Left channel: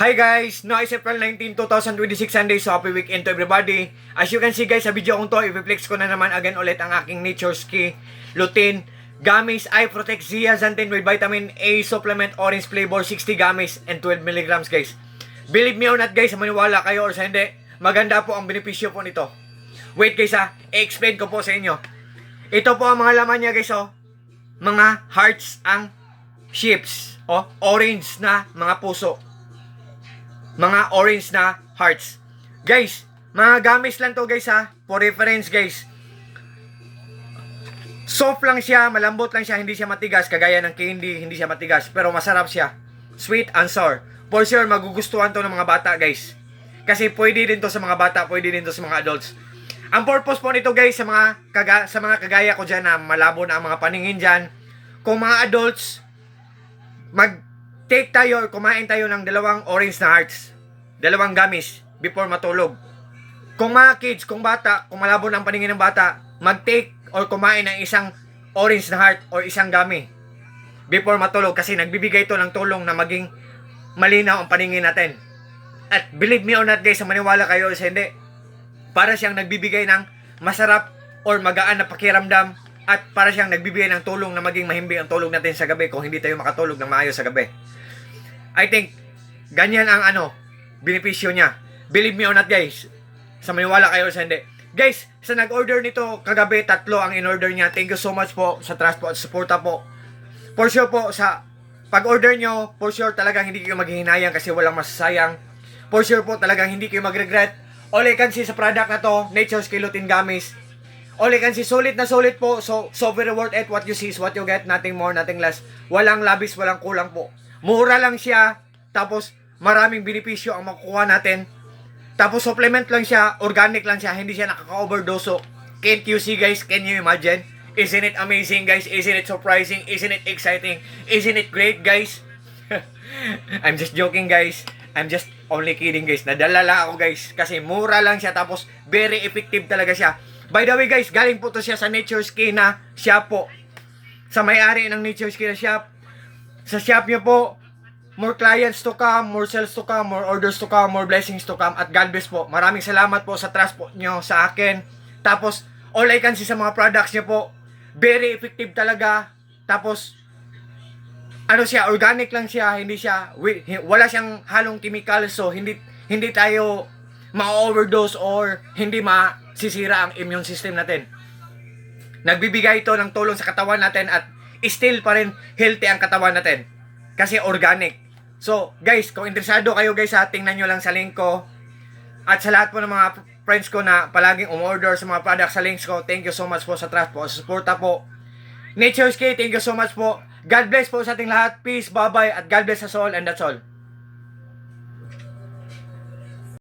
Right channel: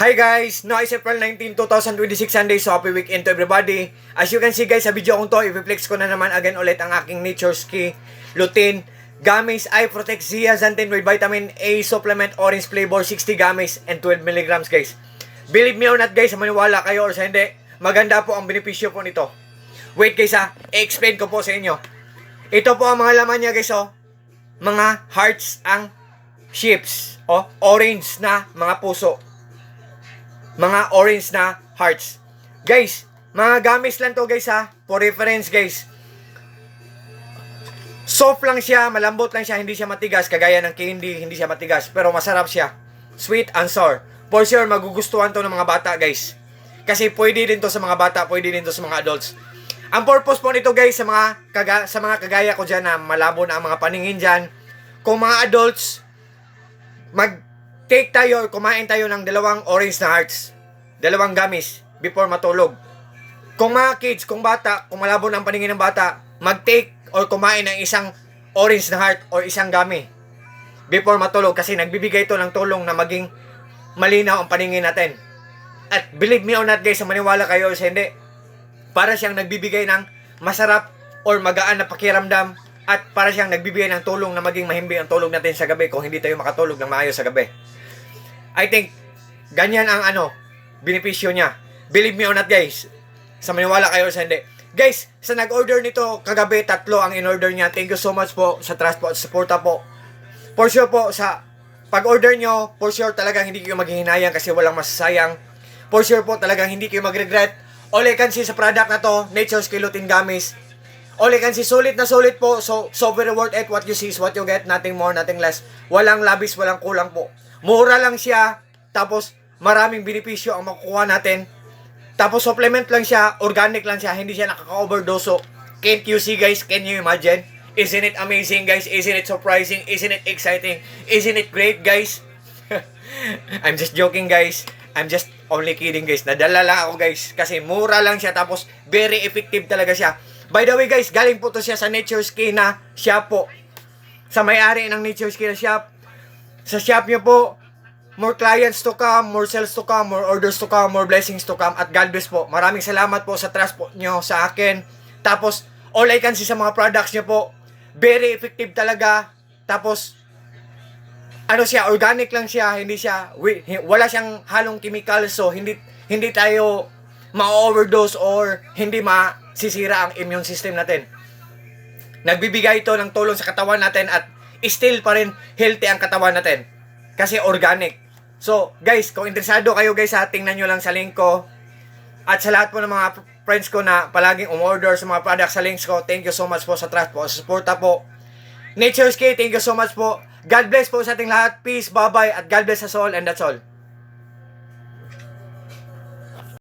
Hi guys! Now is April 19, 2026 Sunday, so happy weekend to everybody. As you can see guys, sa video kong to, i-flex ko na naman again ulit ang aking Nature's Key Lutein Gummies Eye Protect Zeaxanthin with Vitamin A Supplement Orange Flavor 60 gummies and 12 milligrams guys. Believe me or not guys, maniwala kayo or sa hindi, maganda po ang benepisyo po nito. Wait guys i-explain ko po sa inyo. Ito po ang mga laman niya guys mga hearts ang shapes orange na mga puso. Mga orange na hearts. Guys, mga gamis lang to guys for reference guys. Soft lang siya, malambot lang siya, hindi siya matigas. Kagaya ng candy, hindi siya matigas. Pero masarap siya. Sweet and sour. For sure, magugustuhan to ng mga bata guys. Kasi pwede din to sa mga bata, pwede din to sa mga adults. Ang purpose po nito guys, sa mga kagaya ko dyan na malabo na ang mga paningin dyan. Kung mga adults, take tayo or kumain tayo ng dalawang orange na hearts. Dalawang gummies before matulog. Kung mga kids, kung bata, kung malabo na ang paningin ng bata, mag-take or kumain ng isang orange na heart or isang gummy before matulog kasi nagbibigay ito ng tulong na maging malinaw ang paningin natin. At believe me or not guys, maniwala kayo o hindi, para siyang nagbibigay ng masarap or magaan na pakiramdam at para siyang nagbibigay ng tulong na maging mahimbing ang tulog natin sa gabi kung hindi tayo makatulog ng maayos sa gabi. I think, ganyan ang benepisyo niya. Believe me or not guys, sa maniwala kayo sa hindi. Guys, sa nag-order nito kagabi, 3 ang in-order niya. Thank you so much po sa trust po at suporta po. For sure po, sa pag-order nyo, for sure talagang hindi kayo maghihinayang kasi walang masasayang. For sure po talagang hindi kayo mag-regret. All I can see sa product na to, Nature's Key Lutein Gummies. All I can see, sulit na sulit po. So very worth it. What you see is what you get. Nothing more, nothing less. Walang labis, walang kulang po. Mura lang siya, tapos maraming benepisyo ang makukuha natin. Tapos supplement lang siya, organic lang siya, hindi siya nakaka-overdose. Can't you see guys? Can you imagine? Isn't it amazing guys? Isn't it surprising? Isn't it exciting? Isn't it great guys? I'm just joking guys. I'm just only kidding guys. Nadala lang ako guys kasi mura lang siya tapos very effective talaga siya. By the way guys, galing po to siya sa Nature's Key na shop po. Sa may-ari ng Nature's Key na shop. Sa shop niyo po, more clients to come, more sales to come, more orders to come, more blessings to come. At God bless po. Maraming salamat po sa trust po nyo sa akin. Tapos, all I can see sa mga products nyo po, very effective talaga. Tapos, siya, organic lang siya, hindi siya, wala siyang halong chemical, so hindi tayo ma-overdose or hindi masisira ang immune system natin. Nagbibigay ito ng tulong sa katawan natin at still pa rin healthy ang katawan natin. Kasi organic. So, guys, kung interesado kayo guys tingnan nyo lang sa link ko. At sa lahat po ng mga friends ko na palaging umorder sa mga products sa links ko, thank you so much po sa trust po, sa suporta po. Nature's Key, thank you so much po. God bless po sa ating lahat. Peace, bye-bye, at God bless us all, and that's all.